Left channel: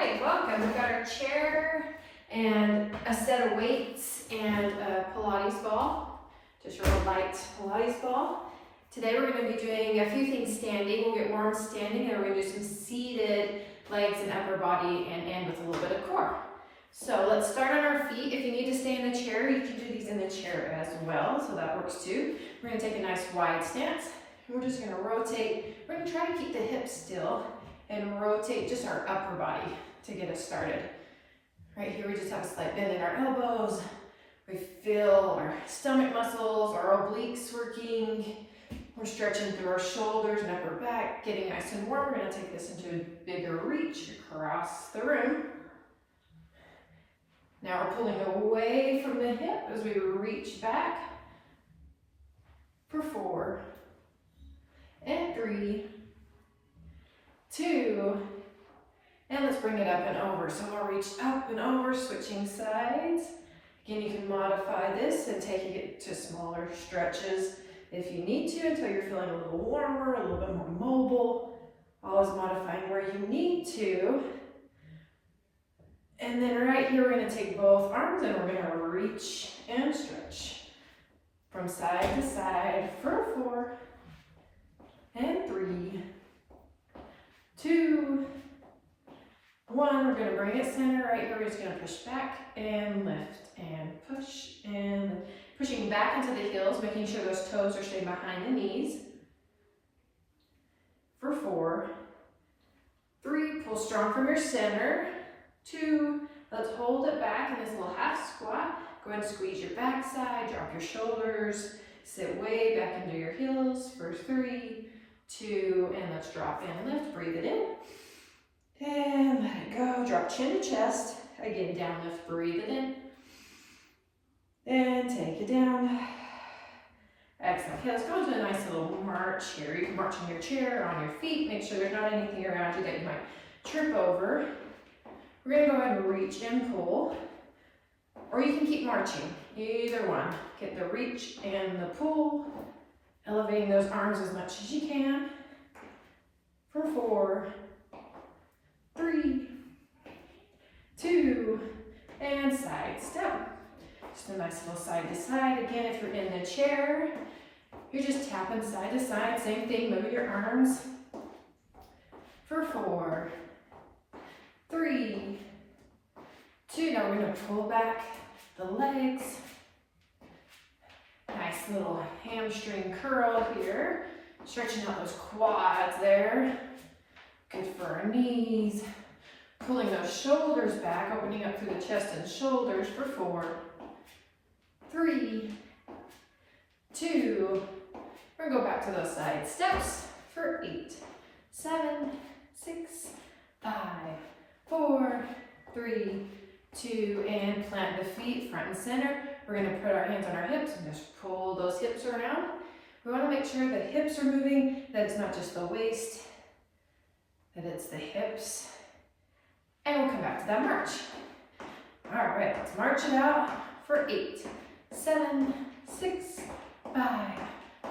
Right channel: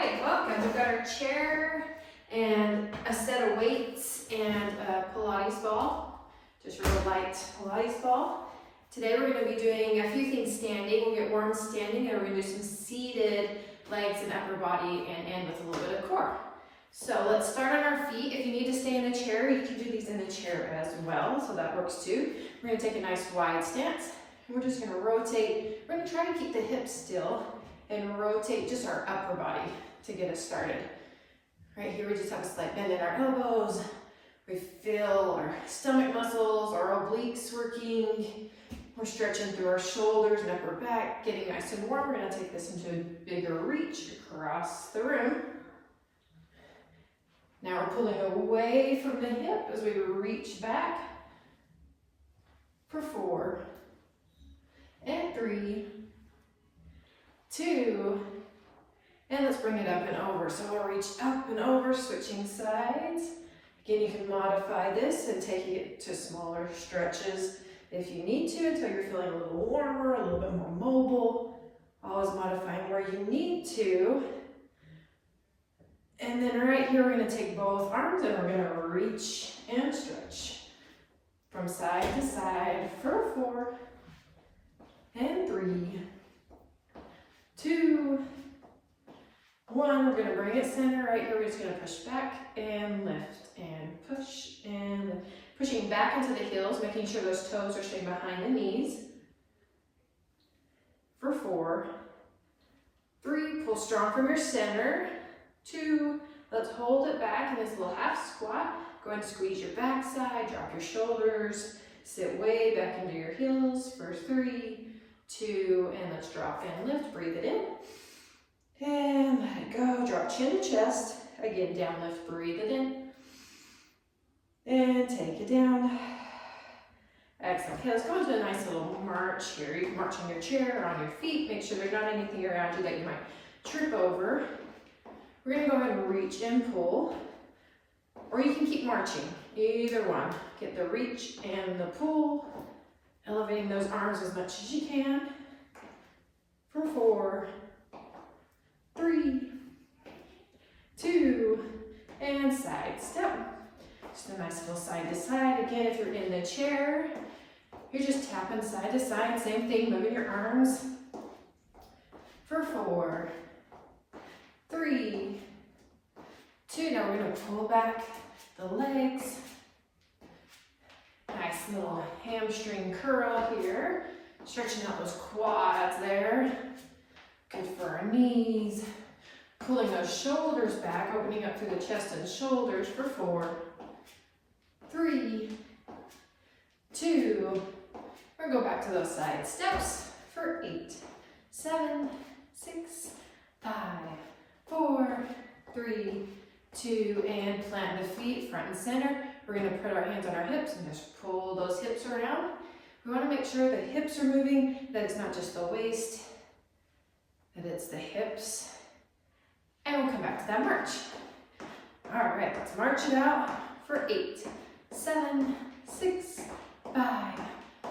right, welcome. We've got our chair and a set of weights and a Pilates ball, just a real light Pilates ball. Today we're going to be doing a few things standing. We'll get warm standing and we're going to do some seated legs and upper body and end with a little bit of core. So let's start on our feet. If you need to stay in the chair, you can do these in the chair as well, so that works too. We're going to take a nice wide stance. We're just going to rotate. We're going to try to keep the hips still and rotate just our upper body to get us started. Right here we just have a slight bend in our elbows. We feel our stomach muscles, our obliques working. We're stretching through our shoulders and upper back, getting nice and warm. We're going to take this into a bigger reach across the room. Now we're pulling away from the hip as we reach back for 4 and 3, 2, and let's bring it up and over. So we'll reach up and over, switching sides. Again, you can modify this and take it to smaller stretches if you need to until you're feeling a little warmer, a little bit more mobile. Always modifying where you need to. And then right here, we're going to take both arms and we're going to reach and stretch from side to side for 4 and 3, 2, 1. We're going to bring it center. Right here, we're just going to push back and lift and push and pushing back into the heels, making sure those toes are staying behind the knees for 4, 3. Pull strong from your center. 2, let's hold it back in this little half squat. Go ahead and squeeze your backside, drop your shoulders, sit way back into your heels for 3, 2, and let's drop and lift. Breathe it in and let it go. Drop chin to chest. Again, down, lift, breathe it in and take it down. Exhale. Okay, let's go into a nice little march here. You can march on your chair or on your feet. Make sure there's not anything around you that you might trip over. We're going to go ahead and reach and pull, or you can keep marching, either one. Get the reach and the pull, elevating those arms as much as you can for 4, 3, 2, and side step. Just a nice little side to side. Again, if you're in the chair, you're just tapping side to side. Same thing, moving your arms for 4, 3, 2. Now we're going to pull back the legs. Nice little hamstring curl here. Stretching out those quads there. Good for our knees. Pulling those shoulders back, opening up through the chest and shoulders for 4, 3, 2. We're going to go back to those side steps for 8, 7, 6, 5, 4, 3, 2, and plant the feet front and center. We're going to put our hands on our hips and just pull those hips around. We want to make sure the hips are moving, that it's not just the waist, that it's the hips. And we'll come back to that march. All right, let's march it out for 8, 7, 6, 5,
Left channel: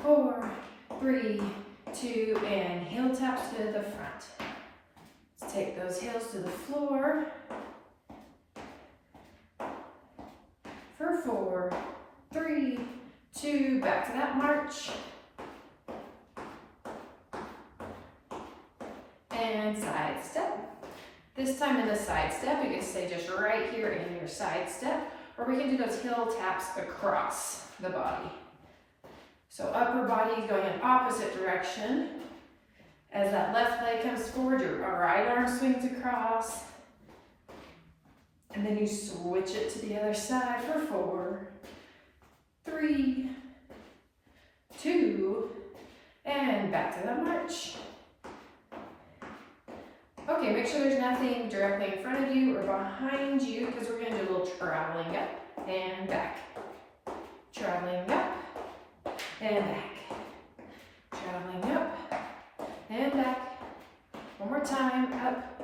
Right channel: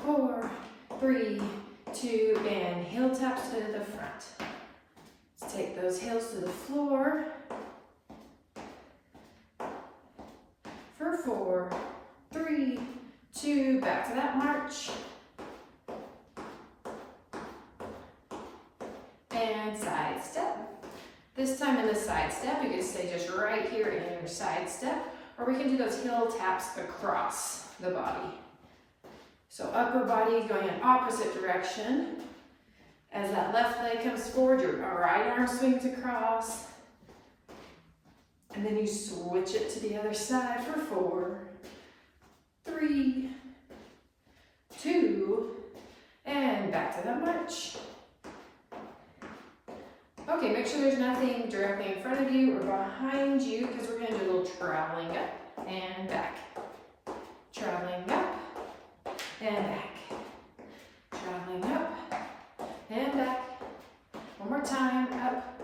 4, 3, 2, and heel taps to the front. Let's take those heels to the floor for 4, 3, 2, back to that march. And side step. This time in the side step, you can stay just right here in your side step, or we can do those heel taps across the body. So upper body going in opposite direction. As that left leg comes forward, your right arm swings across. And then you switch it to the other side for 4, 3, 2, and back to the march. Okay, make sure there's nothing directly in front of you or behind you because we're going to do a little traveling up and back. Traveling up and back. Traveling up and back. One more time, up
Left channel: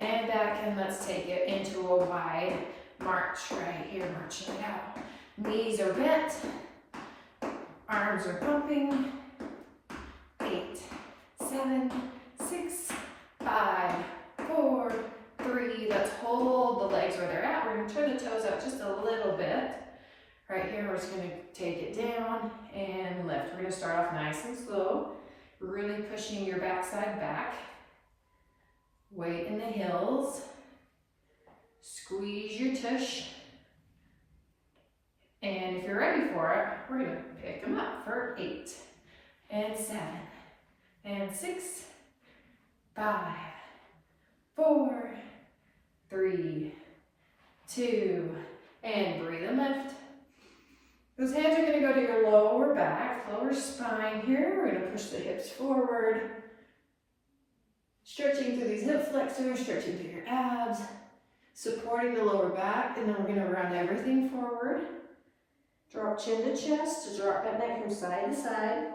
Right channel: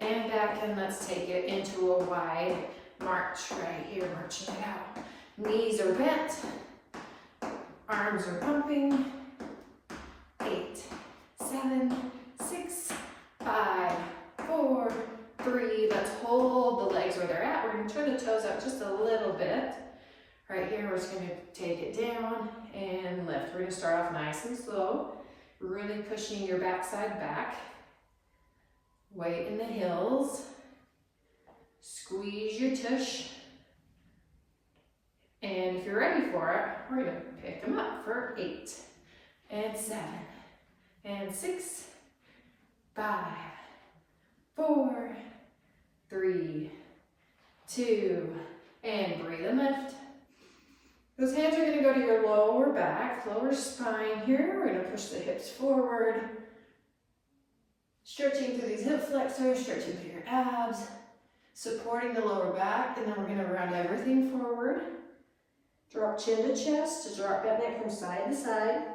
and back, and let's take it into a wide march right here, marching it out. Knees are bent, arms are pumping. 8, 7, 6, 5, 4, 3, where they're at. We're gonna turn the toes out just a little bit. Right here, we're just gonna take it down and lift. We're gonna start off nice and slow, really pushing your backside back. Weight in the heels. Squeeze your tush. And if you're ready for it, we're gonna pick them up for 8 and 7 and 6, 5, 4, 3, 2, and breathe and lift. Those hands are gonna go to your lower back, lower spine here. We're gonna push the hips forward. Stretching through these hip flexors, stretching through your abs, supporting the lower back, and then we're gonna round everything forward. Drop chin to chest, drop that neck from side to side.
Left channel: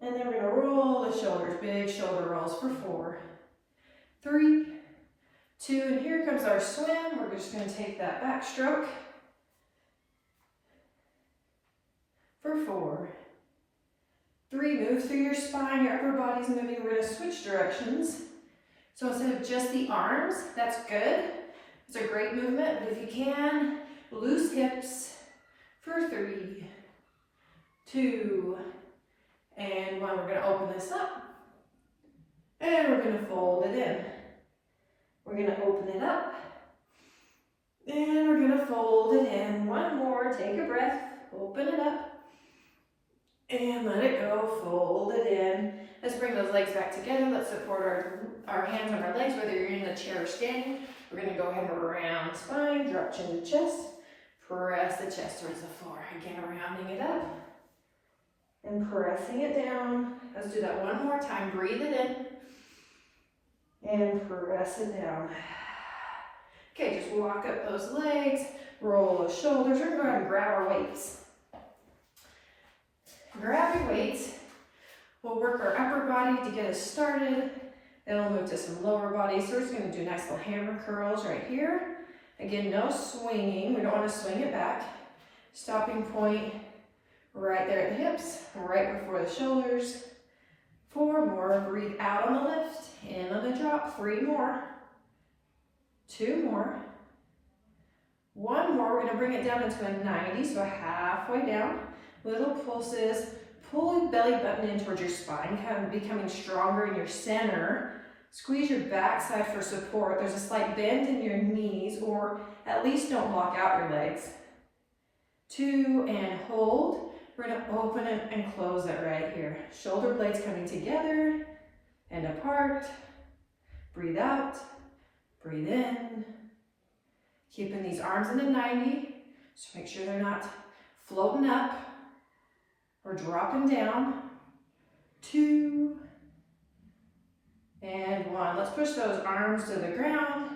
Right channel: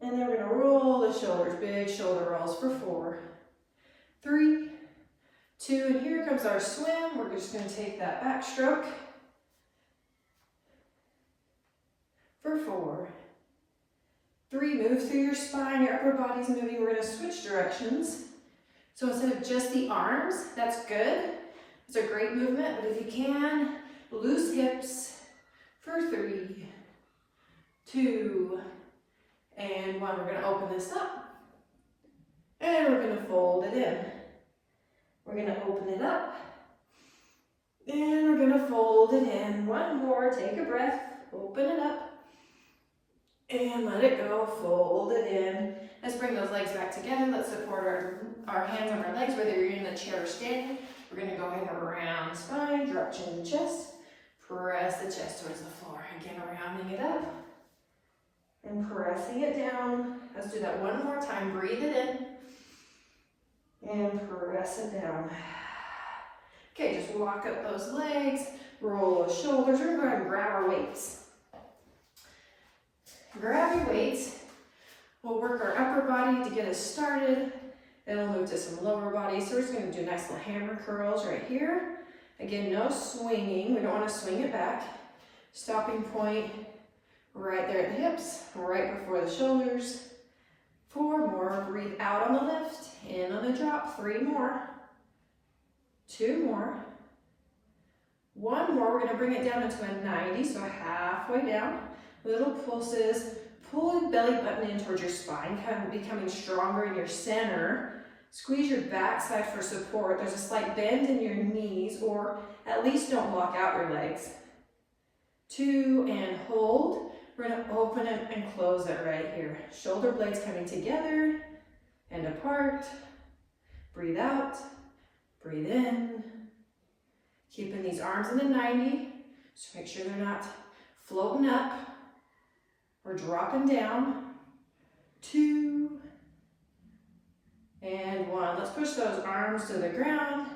And then we're gonna roll the shoulders, big shoulder rolls for 4, 3, 2, and here comes our swim. We're just gonna take that back stroke for 4, 3, move through your spine, your upper body's moving. We're gonna switch directions. So instead of just the arms, that's good. It's a great movement, but if you can, loose hips for 3, 2, and 1. We're gonna open this up, and we're gonna fold it in. We're gonna open it up, and we're gonna fold it in. One more, take a breath, open it up, and let it go, fold it in. Let's bring those legs back together. Let's support our hands on our legs, whether you're in the chair or standing. We're gonna go ahead and round the spine, drop chin to chest, press the chest towards the floor. Again, rounding it up and pressing it down. Let's do that one more time. Breathe it in and press it down. Okay, just walk up those legs, roll the shoulders. We're gonna go ahead and grab our weights. Grab your weights. We'll work our upper body to get us started. Then we'll move to some lower body. So we're just gonna do nice little hammer curls right here. Again, no swinging. We don't wanna swing it back. Stopping point right there at the hips, right before the shoulders. 4 more, breathe out on the lift, in on the drop. 3 more, 2 more, 1 more. We're gonna bring it down into a 90, so halfway down. Little pulses. Pull your belly button in towards your spine, kind of becoming stronger in your center. Squeeze your backside for support. There's a slight bend in your knees, or at least don't block out your legs. 2, and hold. We're gonna open it and close it right here. Shoulder blades coming together and apart. Breathe out, breathe in. Keeping these arms in the 90, so make sure they're not floating up. We're dropping down. 2, and 1. Let's push those arms to the ground.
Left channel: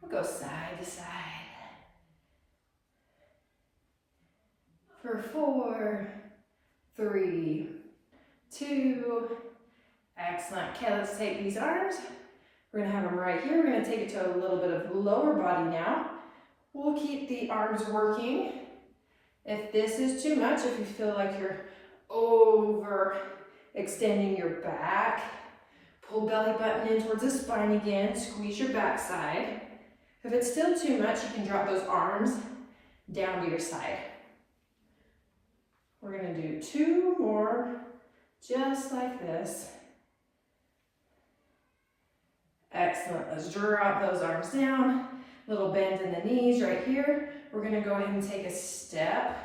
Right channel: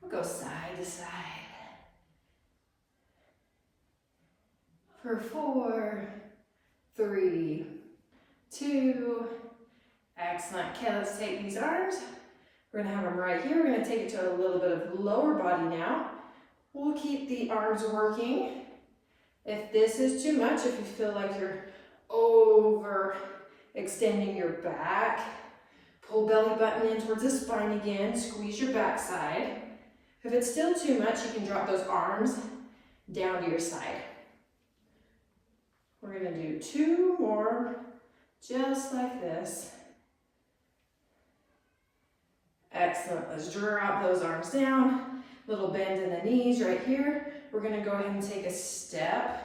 We'll go side to side. For 4, 3, 2. Excellent. Okay, let's take these arms. We're gonna have them right here. We're gonna take it to a little bit of lower body now. We'll keep the arms working. If this is too much, if you feel like you're over extending your back, pull belly button in towards the spine again, squeeze your backside. If it's still too much, you can drop those arms down to your side. We're gonna do 2 more, just like this. Excellent, let's drop those arms down. Little bend in the knees right here. We're gonna go ahead and take a step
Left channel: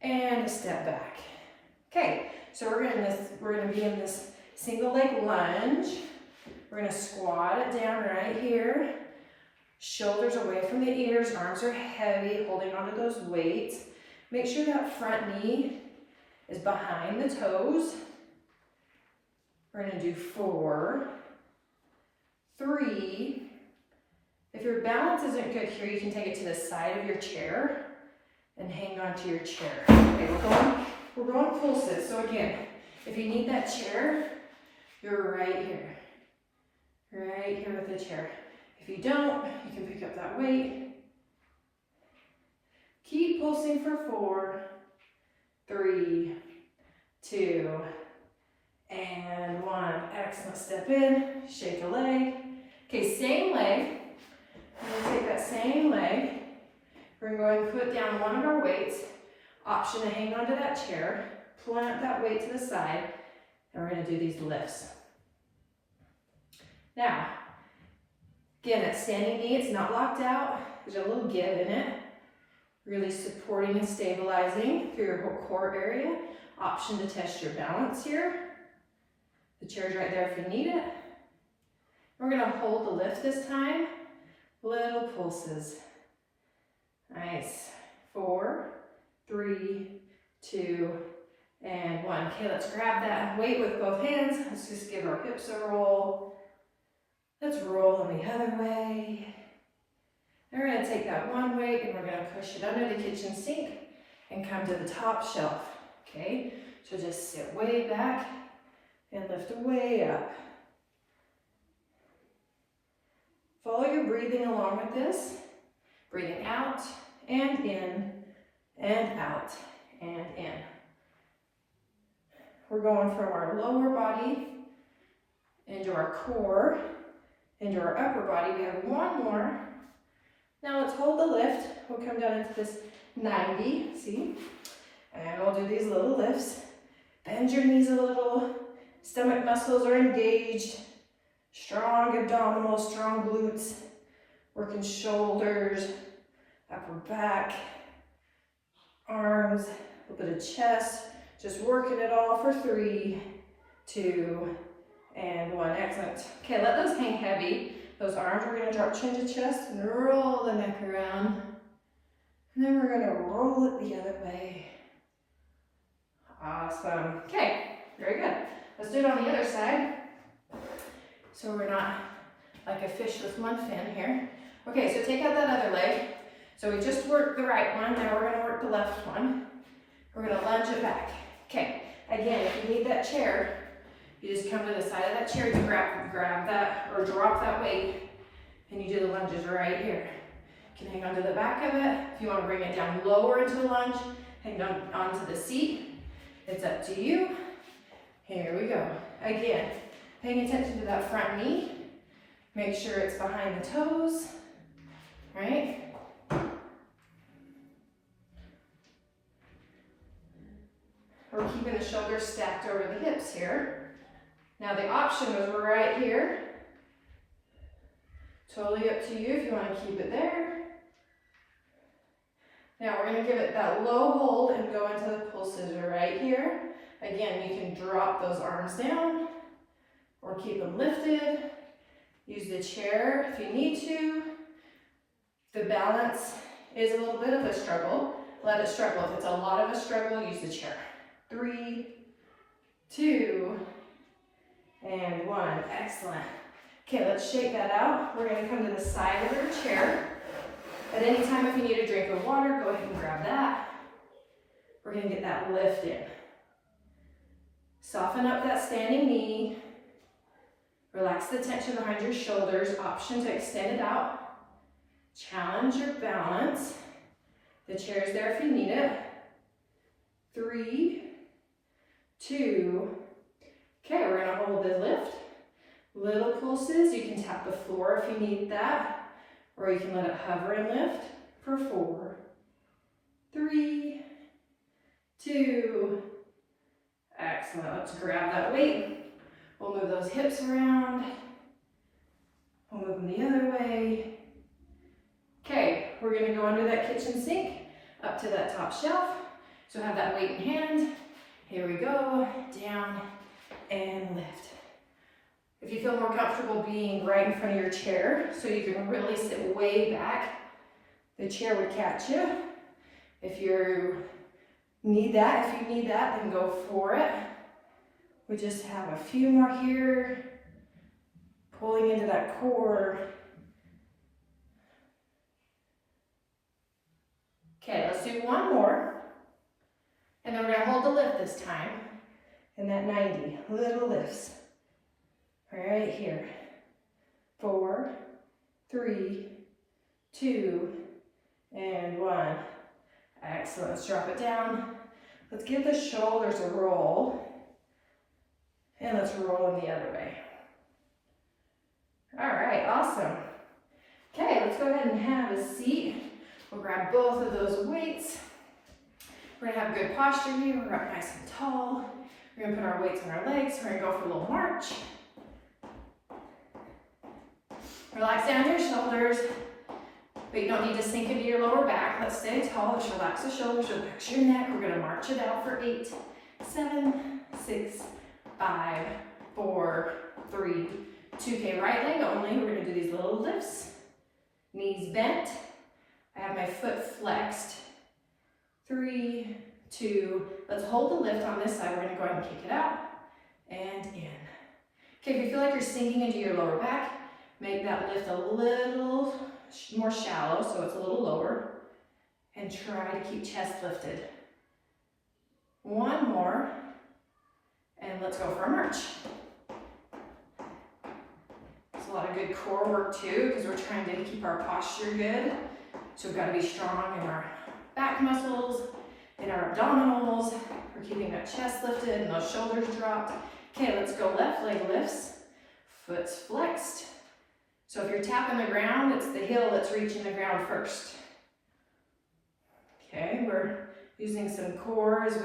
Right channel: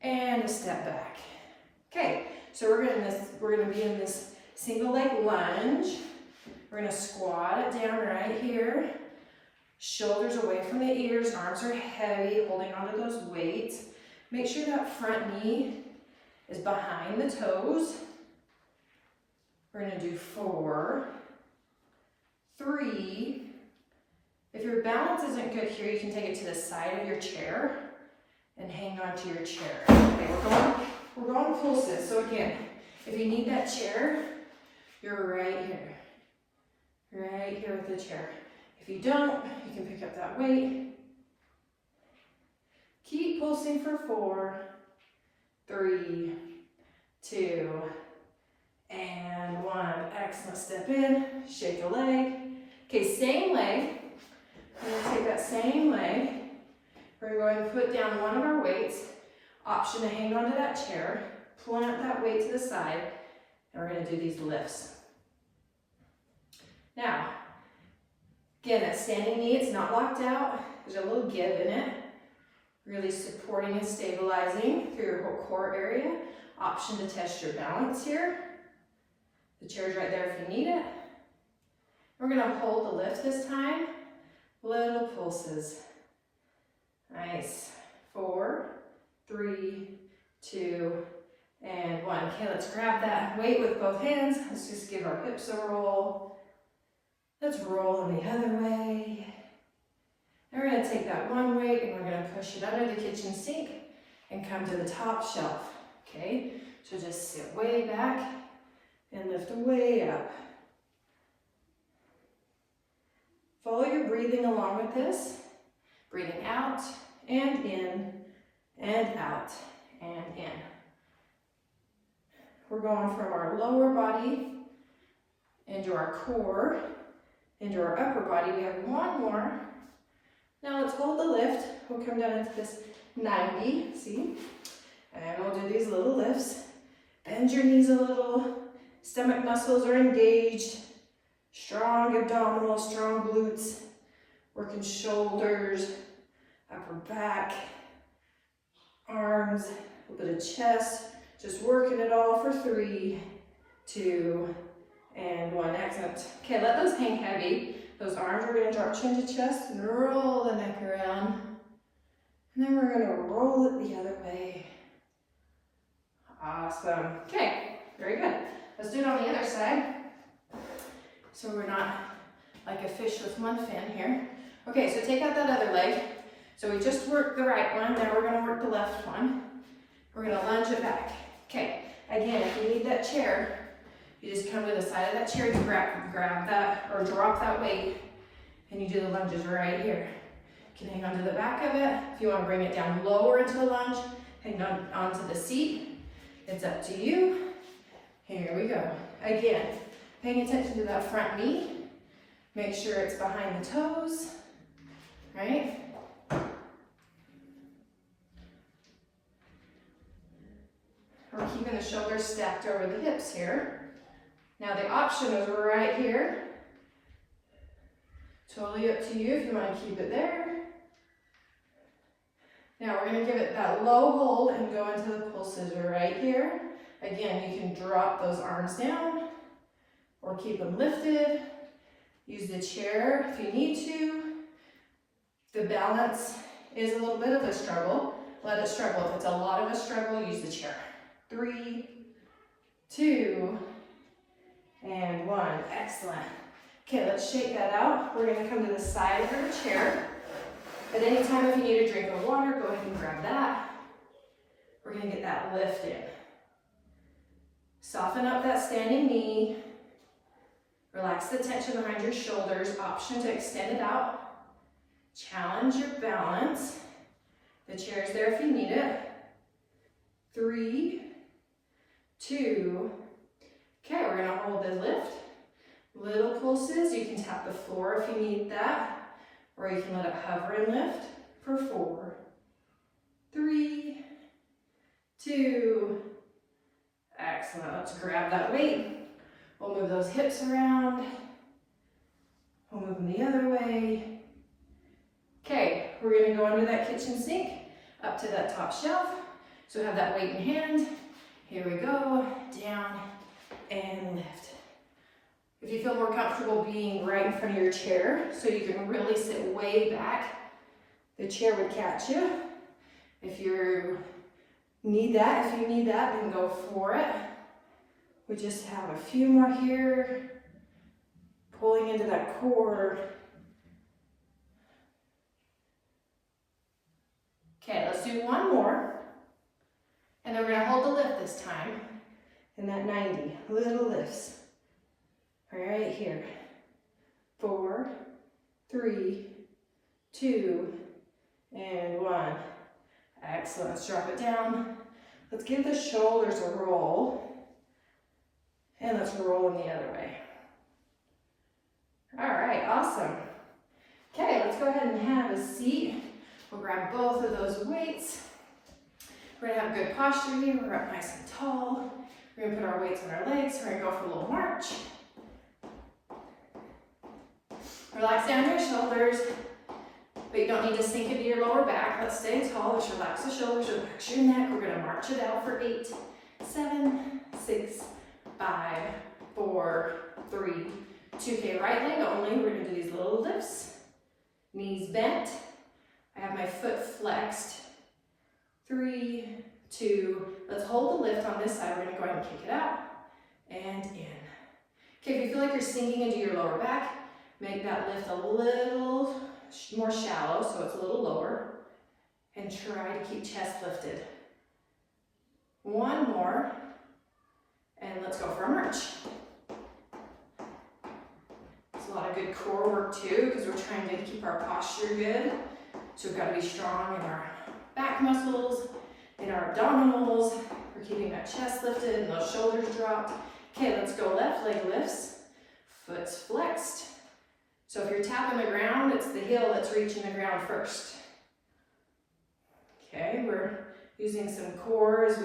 and a step back. Okay, so we're gonna be in this single leg lunge. We're gonna squat it down right here. Shoulders away from the ears, arms are heavy, holding onto those weights. Make sure that front knee is behind the toes. We're gonna do 4, 3. If your balance isn't good here, you can take it to the side of your chair and hang on to your chair. Okay, we're going full sit. So again, if you need that chair, you're right here with the chair. If you don't, you can pick up that weight. Keep pulsing for 4, 3, 2, and 1. Excellent. Step in, shake a leg. Okay, same leg. I'm going to take that same leg. We're going to go ahead and put down one of our weights. Option to hang onto that chair. Plant that weight to the side. And we're going to do these lifts. Now, again, that standing knee, it's not locked out. There's a little give in it. Really supporting and stabilizing through your whole core area. Option to test your balance here. The chair's right there if you need it. We're going to hold the lift this time. Little pulses. Nice. 4, 3, 2, and 1. Okay, let's grab that weight with both hands. Let's just give our hips a roll. Let's roll them the other way. And we're going to take that one weight and we're going to push it under the kitchen sink and come to the top shelf. Okay, so just sit way back and lift way up. Follow your breathing along with this. Breathing out and in and out and in. We're going from our lower body into our core, into our upper body. We have one more. Now let's hold the lift. We'll come down into this 90, see? And we'll do these little lifts. Bend your knees a little. Stomach muscles are engaged. Strong abdominal, strong glutes. Working shoulders, upper back, arms, a little bit of chest. Just working it all for 3, 2, and 1. Excellent. Okay, let those hang heavy. Those arms, we're going to drop chin to chest and roll the neck around. And then we're going to roll it the other way. Awesome. Okay, very good. Let's do it on the other side. So we're not like a fish with one fin here. Okay, so take out that other leg. So we just worked the right one, now we're going to work the left one. We're going to lunge it back. Okay, again, if you need that chair, you just come to the side of that chair to grab that or drop that weight, and you do the lunges right here. You can hang onto the back of it. If you want to bring it down lower into a lunge, hang on onto the seat. It's up to you. Here we go. Again, paying attention to that front knee. Make sure it's behind the toes, right? We're keeping the shoulders stacked over the hips here. Now the option is we're right here. Totally up to you if you want to keep it there. Now we're going to give it that low hold and go into the pull scissor right here. Again, you can drop those arms down or keep them lifted. Use the chair if you need to. The balance is a little bit of a struggle. Let it struggle. If it's a lot of a struggle, use the chair. 3, 2, and 1. Excellent. Okay, let's shake that out. We're going to come to the side of our chair. At any time, if you need a drink of water, go ahead and grab that. We're going to get that lift in. Soften up that standing knee. Relax the tension behind your shoulders. Option to extend it out. Challenge your balance. The chair's there if you need it. 3, 2. Okay, we're going to hold the lift. Little pulses. You can tap the floor if you need that, or you can let it hover and lift for 4, 3, 2. Excellent. Let's grab that weight. We'll move those hips around. We'll move them the other way. Okay, we're going to go under that kitchen sink, up to that top shelf. So have that weight in hand. Here we go. Down and lift. If you feel more comfortable being right in front of your chair, so you can really sit way back, the chair would catch you. If you need that, then go for it. We just have a few more here. Pulling into that core. Okay, let's do one more. And then we're gonna hold the lift this time. And that 90, little lifts. Right here. 4, 3, 2, and 1. Excellent. Let's drop it down. Let's give the shoulders a roll. And let's roll them the other way. All right. right, awesome. Okay, let's go ahead and have a seat. We'll grab both of those weights. We're gonna have good posture here. We're up nice and tall. We're gonna put our weights on our legs. We're gonna go for a little march. Relax down your shoulders, but you don't need to sink into your lower back. Let's stay tall. Let's relax the shoulders, relax your neck. We're gonna march it out for 8, 7, 6, 5, 4, 3, 2. Okay, right leg only. We're gonna do these little lifts. Knees bent. I have my foot flexed. 3, 2. Let's hold the lift on this side. We're gonna go ahead and kick it out and in. Okay, if you feel like you're sinking into your lower back, make that lift a little more shallow so it's a little lower, and try to keep chest lifted. One more, and let's go for a march. It's a lot of good core work too, because we're trying to keep our posture good. So we've got to be strong in our back muscles, in our abdominals. We're keeping that chest lifted and those shoulders dropped. Okay, let's go left leg lifts, foot's flexed. So if you're tapping the ground, it's the heel that's reaching the ground first. Okay, we're using some core as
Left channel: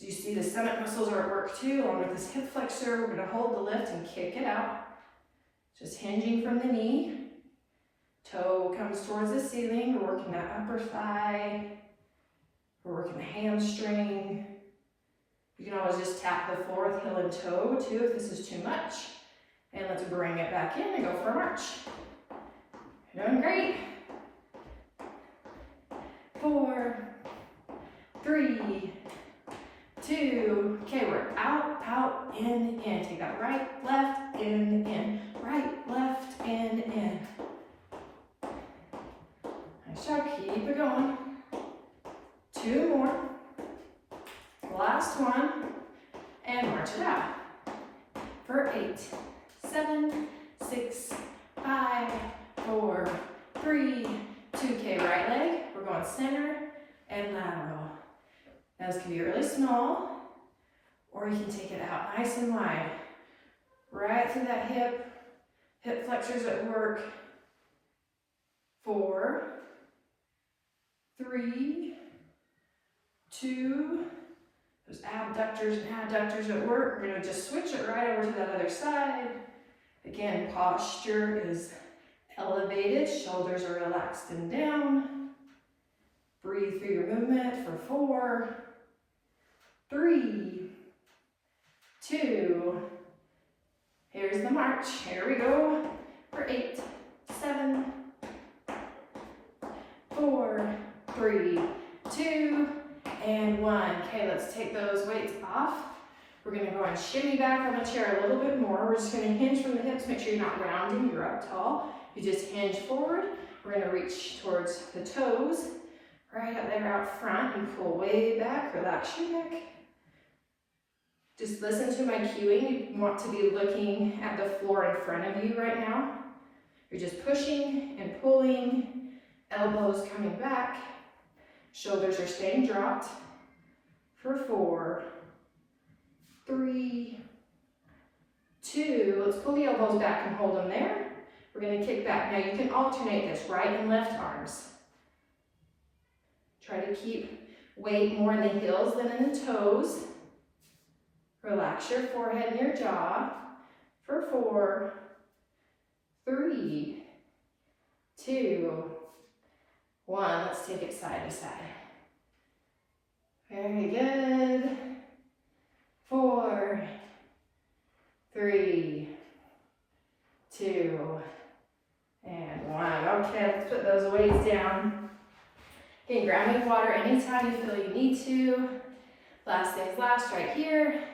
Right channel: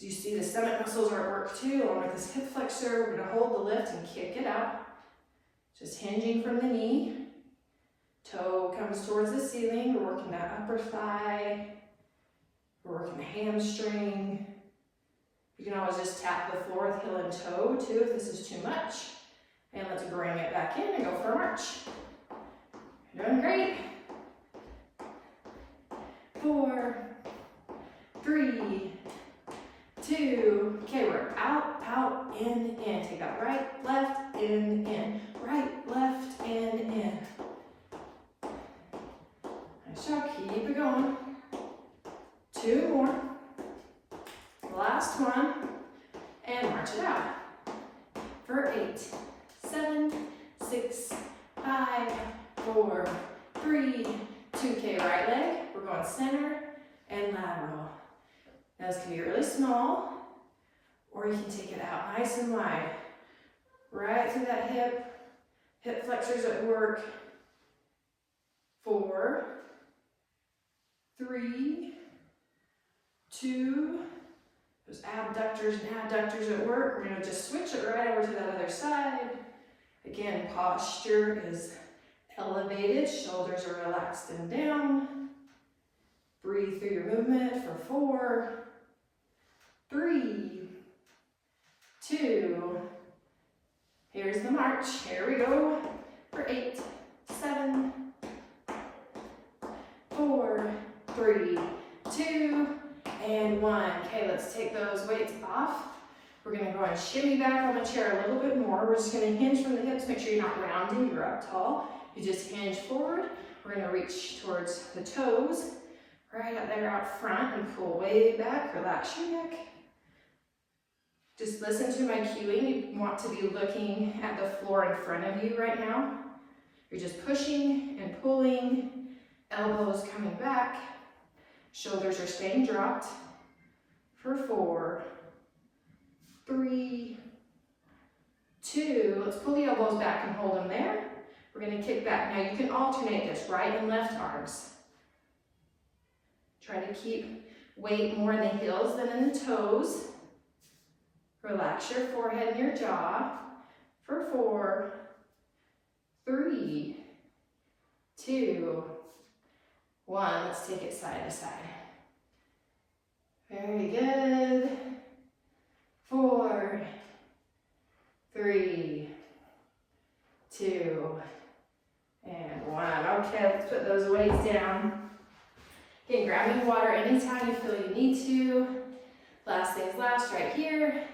you see the stomach muscles are at work too, along with this hip flexor. We're gonna hold the lift and kick it out. Just hinging from the knee. Toe comes towards the ceiling. We're working that upper thigh. We're working the hamstring. You can always just tap the floor with heel and toe too if this is too much. And let's bring it back in and go for a march. You're doing great. 4, 3, 2. Okay, we're out, out, in. Take that right, left, in. Right, left, in. Nice job, keep it going. 2 more. Last one. And march it out. For 8, 7, 6, 5, 4, 3, 2. Okay, right leg. We're going center and lateral. Now this can be really small, or you can take it out nice and wide. Right through that hip. Hip flexors at work. 4, 3, 2. Those abductors and adductors at work. We're gonna just switch it right over to that other side. Again, posture is elevated, shoulders are relaxed and down. Breathe through your movement for 4, 3, 2. Here's the march. Here we go. For 8, 7, 4, 3, 2, and 1. Okay, let's take those weights off. We're gonna go and shimmy back on the chair a little bit more. We're just gonna hinge from the hips. Make sure you're not rounding, you're up tall. You just hinge forward. We're gonna reach towards the toes, right up there out front, and pull way back. Relax your neck. Just listen to my cueing. You want to be looking at the floor in front of you right now. You're just pushing and pulling, elbows coming back, shoulders are staying dropped. For 4, 3, 2. Let's pull the elbows back and hold them there. We're going to kick back. Now you can alternate this, right and left arms. Try to keep weight more in the heels than in the toes. Relax your forehead and your jaw. For 4, 3, 2, 1. Let's take it side to side. Very good. 4, 3, 2, and 1. Okay, let's put those weights down. Okay, grab me water anytime you feel you need to. Last things last, right here.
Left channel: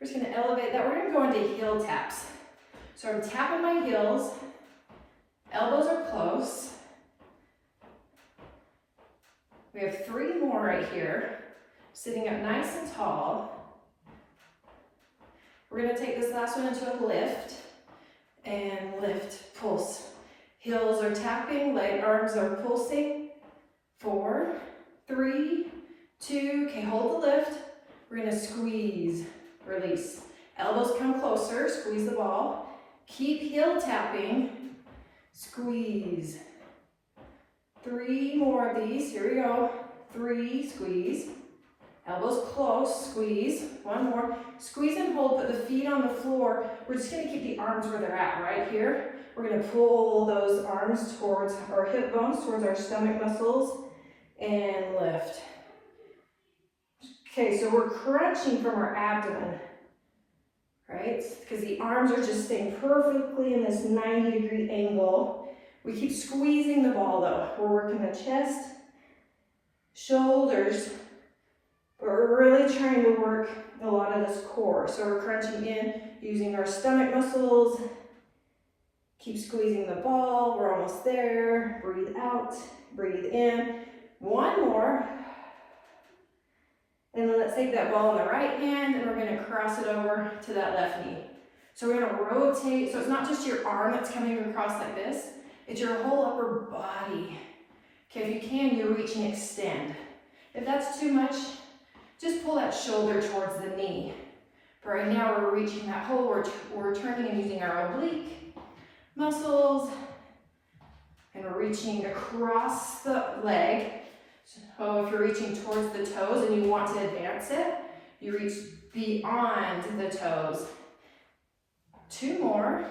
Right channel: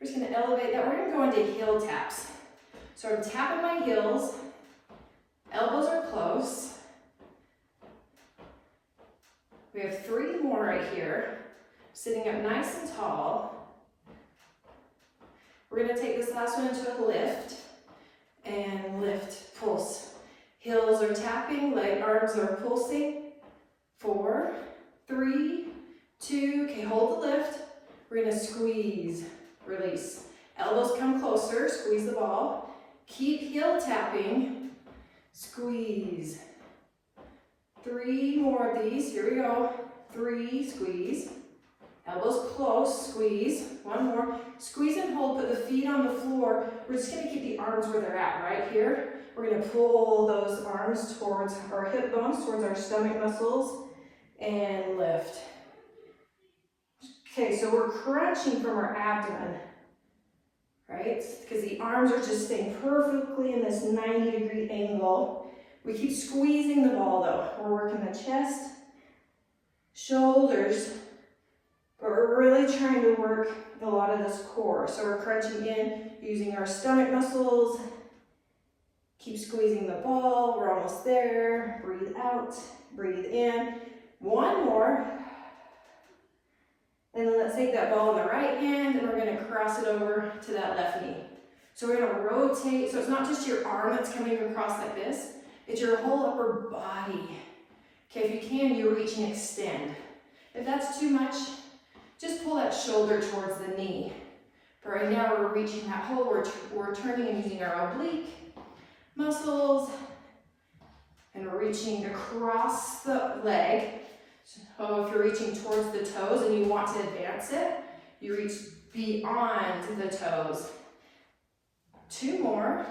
We're just gonna elevate that. We're gonna go into heel taps. So I'm tapping my heels. Elbows are close. We have 3 more right here. Sitting up nice and tall. We're gonna take this last one into a lift. And lift, pulse. Heels are tapping, leg arms are pulsing. 4, 3, 2, okay, hold the lift. We're gonna squeeze, release. Elbows come closer, squeeze the ball. Keep heel tapping. squeeze. 3 more of these, here we go. 3, squeeze. Elbows close, squeeze. 1 more. Squeeze and hold, put the feet on the floor. We're just gonna keep the arms where they're at, right here. We're gonna pull those arms towards our hip bones, towards our stomach muscles, and lift. Okay, so we're crunching from our abdomen, right? Because the arms are just staying perfectly in this 90-degree angle. We keep squeezing the ball though. We're working the chest, shoulders, but we're really trying to work a lot of this core. So we're crunching in using our stomach muscles. Keep squeezing the ball. We're almost there. Breathe out, breathe in. 1 more. And then let's take that ball in the right hand and we're gonna cross it over to that left knee. So we're gonna rotate, so it's not just your arm that's coming across like this, it's your whole upper body. Okay, if you can, you reach and extend. If that's too much, just pull that shoulder towards the knee. But right now we're reaching that whole, we're turning and using our oblique muscles, and we're reaching across the leg. So if you're reaching towards the toes and you want to advance it, you reach beyond the toes. 2 more.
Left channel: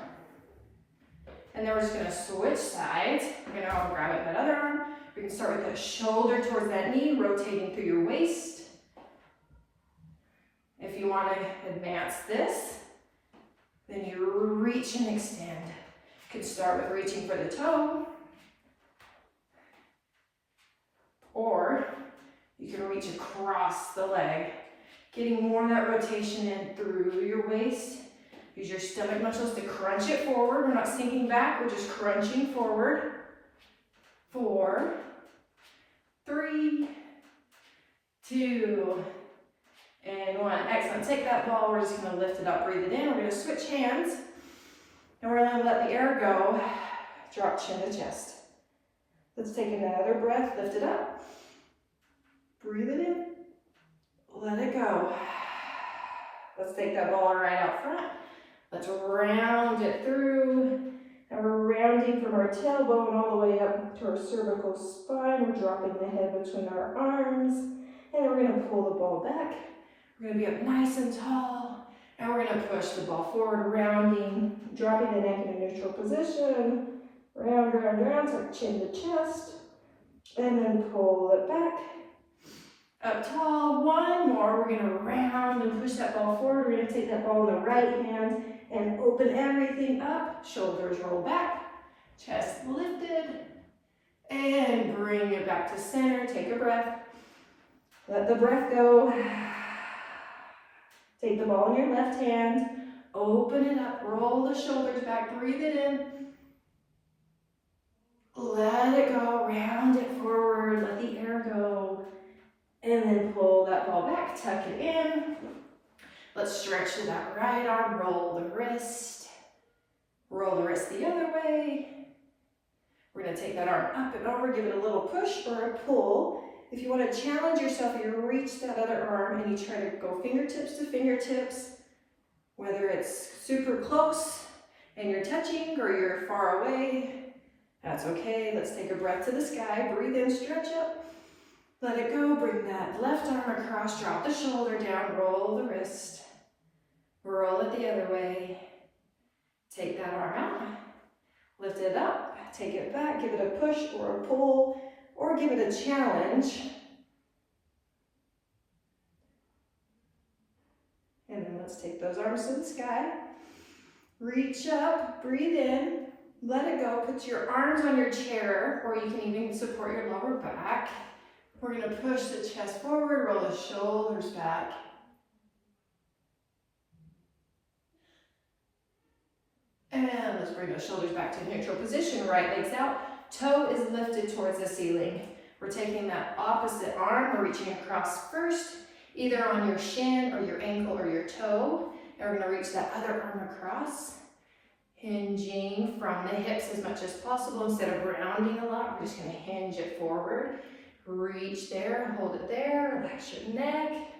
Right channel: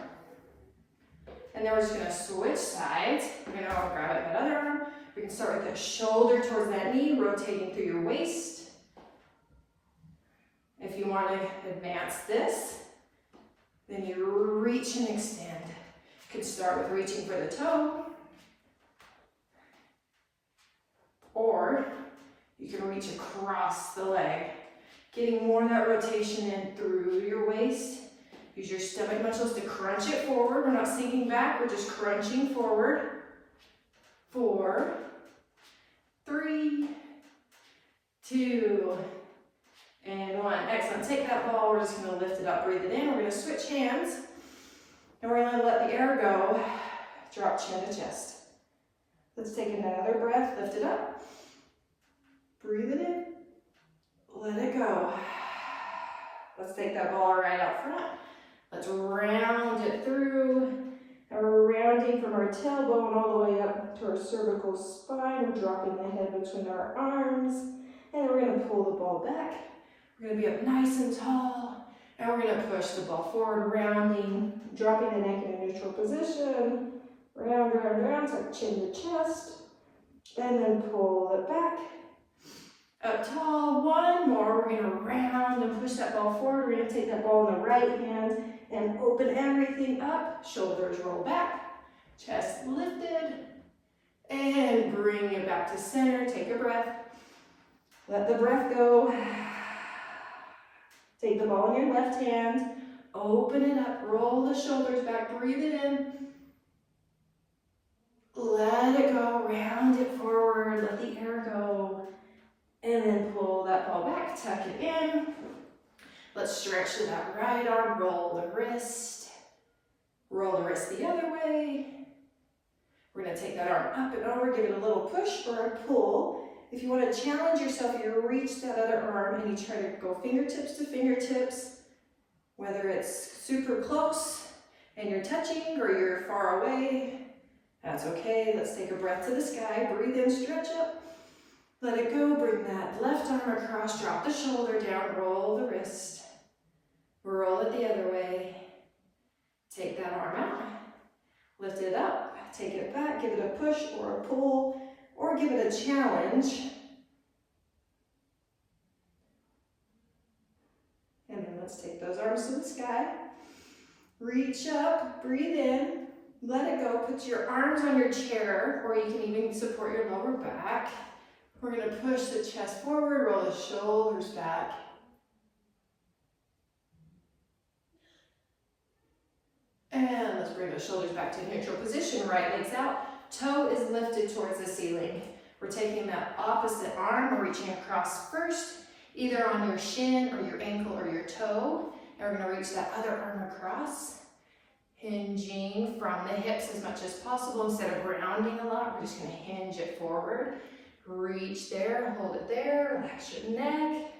And then we're just gonna switch sides. We're gonna grab it that other arm. We can start with the shoulder towards that knee, rotating through your waist. If you want to advance this, then you reach and extend. You can start with reaching for the toe, or you can reach across the leg, getting more of that rotation in through your waist. Use your stomach muscles to crunch it forward. We're not sinking back, we're just crunching forward. 4, 3, 2, and 1. Excellent. Take that ball, we're just going to lift it up, breathe it in. We're going to switch hands, and we're going to let the air go. Drop chin to chest. Let's take another breath, lift it up, breathe it in, let it go. Let's take that ball right out front. Let's round it through, and we're rounding from our tailbone all the way up to our cervical spine. We're dropping the head between our arms, and we're going to pull the ball back. We're going to be up nice and tall, and we're going to push the ball forward, rounding, dropping the neck in a neutral position. Round, round, round, so chin to chest, and then pull it back. Up tall, 1 more. We're going to round and push that ball forward. We're going to take that ball in the right hand and open everything up. Shoulders roll back, chest lifted, and bring it back to center. Take a breath. Let the breath go. Take the ball in your left hand, open it up, roll the shoulders back, breathe it in. Let it go, round it forward, let the air go, and then pull that ball back, tuck it in. Let's stretch that right arm, roll the wrist the other way. We're gonna take that arm up and over, give it a little push or a pull. If you want to challenge yourself, you reach that other arm and you try to go fingertips to fingertips, whether it's super close and you're touching or you're far away, that's okay. Let's take a breath to the sky, breathe in, stretch up, let it go, bring that left arm across, drop the shoulder down, roll the wrist, roll it the other way, take that arm out, lift it up, take it back, give it a push or a pull, or give it a challenge. And then let's take those arms to the sky. Reach up, breathe in, let it go. Put your arms on your chair, or you can even support your lower back. We're going to push the chest forward, roll the shoulders back. And let's bring those shoulders back to neutral position, right legs out. Toe is lifted towards the ceiling. We're taking that opposite arm, we're reaching across first, either on your shin or your ankle or your toe. And we're gonna reach that other arm across, hinging from the hips as much as possible. Instead of rounding a lot, we're just gonna hinge it forward. Reach there, hold it there, relax your neck.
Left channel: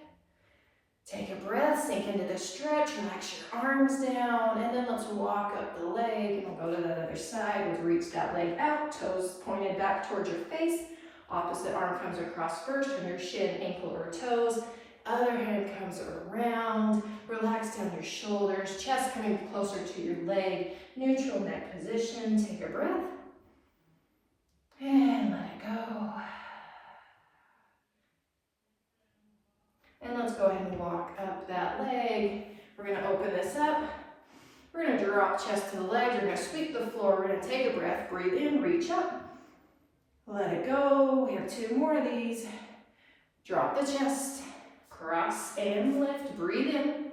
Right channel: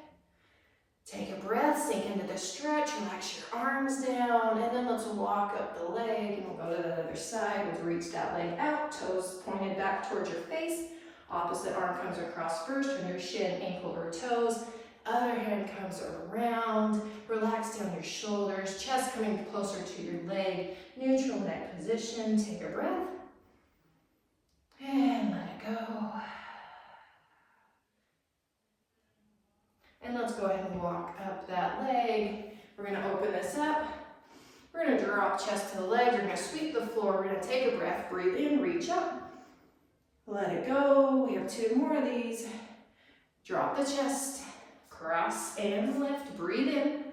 Take a breath, sink into the stretch, relax your arms down, and then let's walk up the leg, and we'll go to the other side. We'll reach that leg out, toes pointed back towards your face. Opposite arm comes across first, on your shin, ankle, or toes. Other hand comes around. Relax down your shoulders, chest coming closer to your leg. Neutral neck position. Take a breath. And let it go. And let's go ahead and walk up that leg. We're going to open this up. We're going to drop chest to the leg. You're going to sweep the floor. We're going to take a breath. Breathe in, reach up. Let it go. We have 2 more of these. Drop the chest. Cross and lift. Breathe in.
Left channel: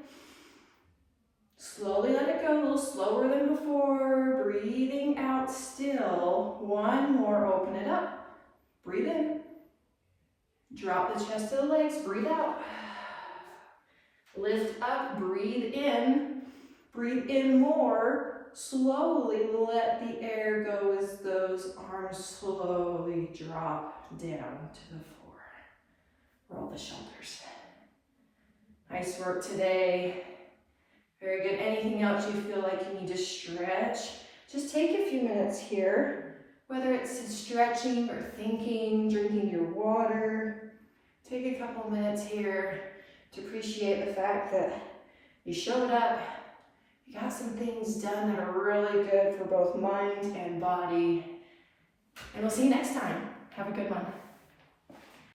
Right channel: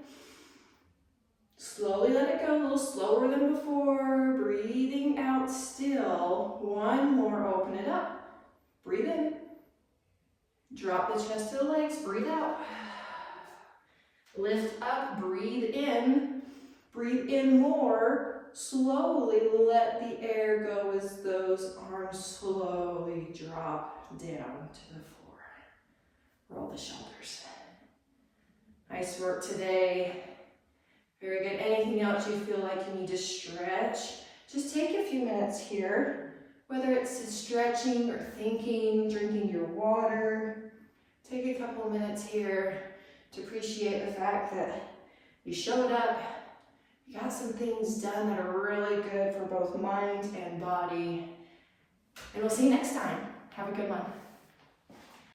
Slowly let it go. A little slower than before. Breathing out still. 1 more. Open it up. Breathe in. Drop the chest to the legs. Breathe out. Lift up. Breathe in. Breathe in more. Slowly let the air go as those arms slowly drop down to the floor. Roll the shoulders. Nice work today. Very good. Anything else you feel like you need to stretch? Just take a few minutes here, whether it's stretching or thinking, drinking your water. Take a couple minutes here to appreciate the fact that you showed up. You got some things done that are really good for both mind and body. And we'll see you next time. Have a good one.